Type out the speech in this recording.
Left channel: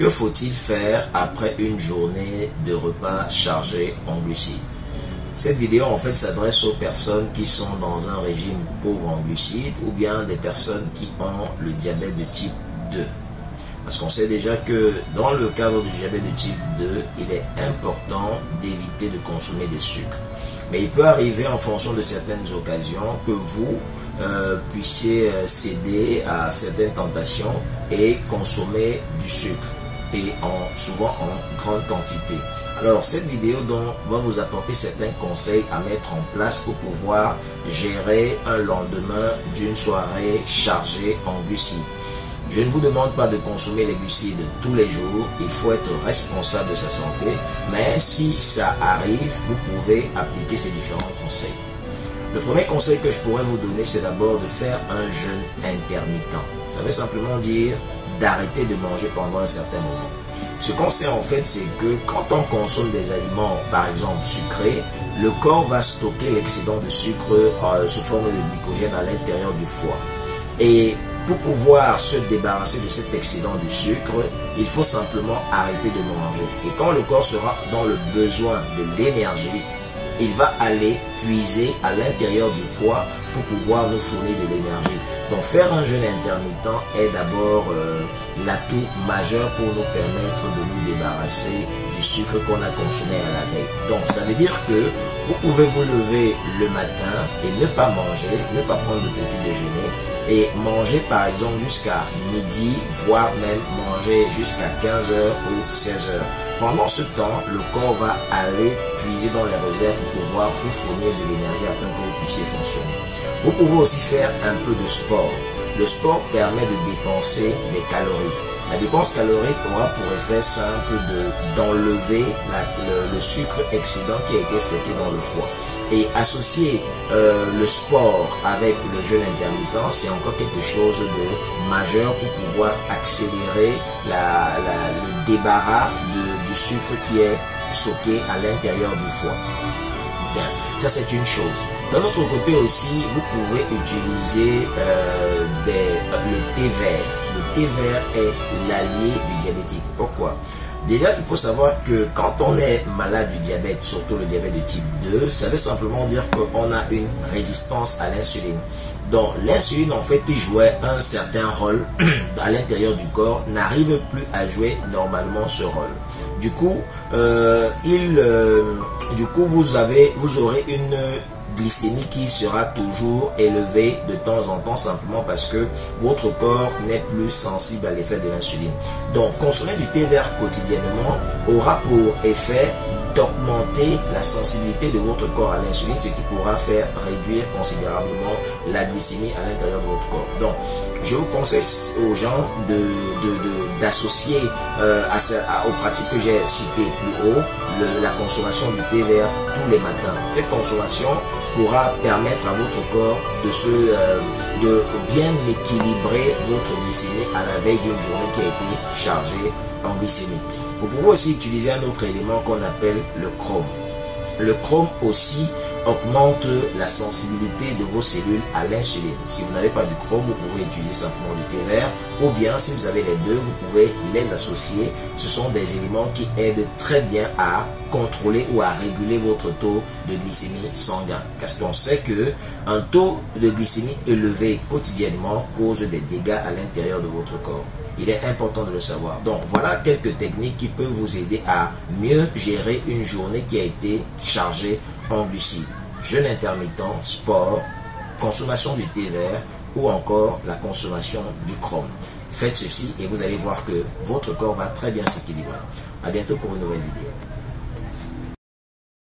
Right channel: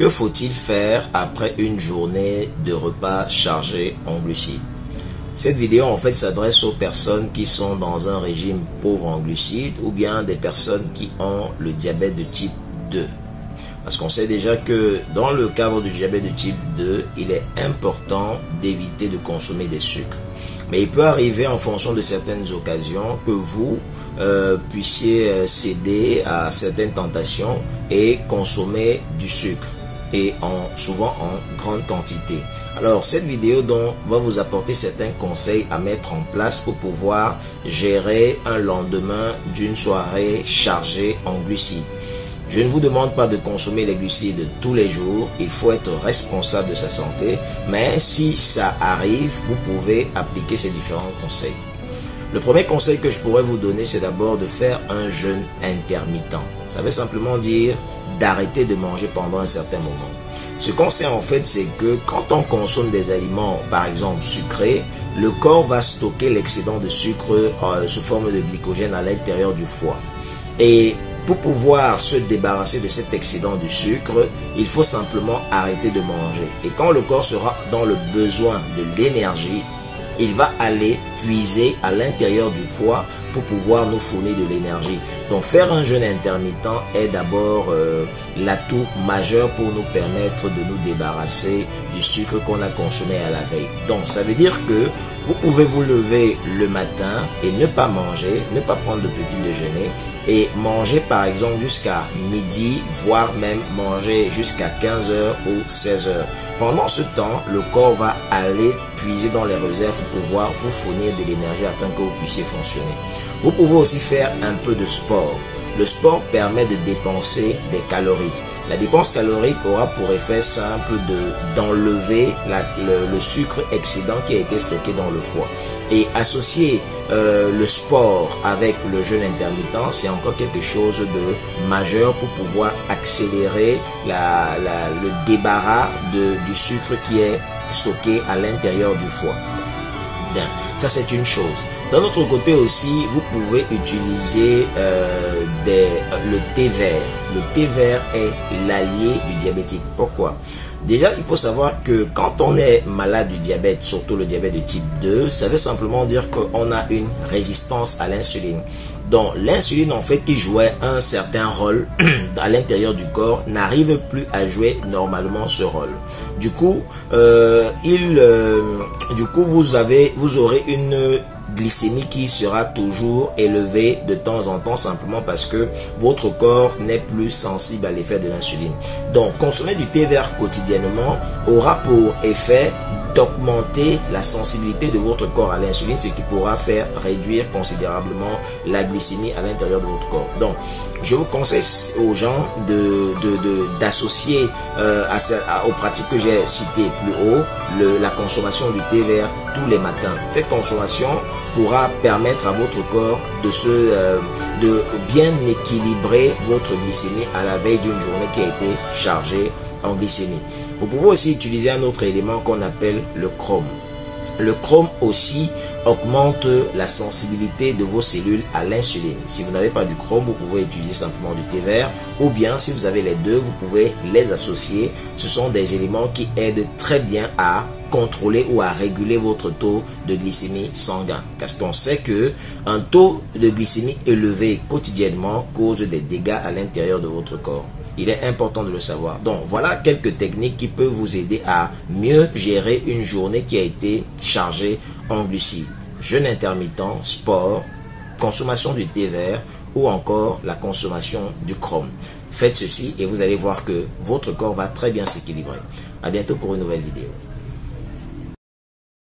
Que faut-il faire après une journée de repas chargé en glucides? Cette vidéo en fait s'adresse aux personnes qui sont dans un régime pauvre en glucides ou bien des personnes qui ont le diabète de type 2. Parce qu'on sait déjà que dans le cadre du diabète de type 2, il est important d'éviter de consommer des sucres. Mais il peut arriver en fonction de certaines occasions que vous puissiez céder à certaines tentations et consommer du sucre et souvent en grande quantité. Alors cette vidéo va vous apporter certains conseils à mettre en place pour pouvoir gérer un lendemain d'une soirée chargée en glucides. Je ne vous demande pas de consommer les glucides tous les jours, il faut être responsable de sa santé, mais si ça arrive, vous pouvez appliquer ces différents conseils. Le premier conseil que je pourrais vous donner, c'est d'abord de faire un jeûne intermittent. Ça veut simplement dire d'arrêter de manger pendant un certain moment. Ce qu'on sait en fait, c'est que quand on consomme des aliments, par exemple sucrés, le corps va stocker l'excédent de sucre sous forme de glycogène à l'intérieur du foie. Et pour pouvoir se débarrasser de cet excédent de sucre, il faut simplement arrêter de manger. Et quand le corps sera dans le besoin de l'énergie, il va aller puiser à l'intérieur du foie pour pouvoir nous fournir de l'énergie. Donc faire un jeûne intermittent est d'abord l'atout majeur pour nous permettre de nous débarrasser du sucre qu'on a consommé à la veille. Donc ça veut dire que vous pouvez vous lever le matin et ne pas manger, ne pas prendre de petit déjeuner et manger par exemple jusqu'à midi, voire même manger jusqu'à 15h ou 16h. Pendant ce temps, le corps va aller puiser dans les réserves pour pouvoir vous fournir de l'énergie afin que vous puissiez fonctionner. Vous pouvez aussi faire un peu de sport. Le sport permet de dépenser des calories. La dépense calorique aura pour effet simple d'enlever le sucre excédent qui a été stocké dans le foie. Et associer le sport avec le jeûne intermittent, c'est encore quelque chose de majeur pour pouvoir accélérer le débarras du sucre qui est stocké à l'intérieur du foie. Bien, ça c'est une chose. D'un autre côté aussi, vous pouvez utiliser le thé vert. Le thé vert est l'allié du diabétique. Pourquoi? Déjà, il faut savoir que quand on est malade du diabète, surtout le diabète de type 2, ça veut simplement dire qu'on a une résistance à l'insuline. Donc l'insuline en fait qui jouait un certain rôle à l'intérieur du corps n'arrive plus à jouer normalement ce rôle. Du coup, vous aurez une glycémie qui sera toujours élevée de temps en temps simplement parce que votre corps n'est plus sensible à l'effet de l'insuline. Donc consommer du thé vert quotidiennement aura pour effet d'augmenter la sensibilité de votre corps à l'insuline, ce qui pourra faire réduire considérablement la glycémie à l'intérieur de votre corps. Donc, je vous conseille aux gens d'associer aux pratiques que j'ai citées plus haut, la consommation du thé vert tous les matins. Cette consommation pourra permettre à votre corps de bien équilibrer votre glycémie à la veille d'une journée qui a été chargée en glycémie. Vous pouvez aussi utiliser un autre élément qu'on appelle le chrome. Le chrome aussi augmente la sensibilité de vos cellules à l'insuline. Si vous n'avez pas du chrome, vous pouvez utiliser simplement du thé vert, ou bien si vous avez les deux, vous pouvez les associer. Ce sont des éléments qui aident très bien à contrôler ou à réguler votre taux de glycémie sanguin. Parce qu'on sait que un taux de glycémie élevé quotidiennement cause des dégâts à l'intérieur de votre corps. Il est important de le savoir. Donc, voilà quelques techniques qui peuvent vous aider à mieux gérer une journée qui a été chargée en glucides. Jeûne intermittent, sport, consommation du thé vert ou encore la consommation du chrome. Faites ceci et vous allez voir que votre corps va très bien s'équilibrer. À bientôt pour une nouvelle vidéo.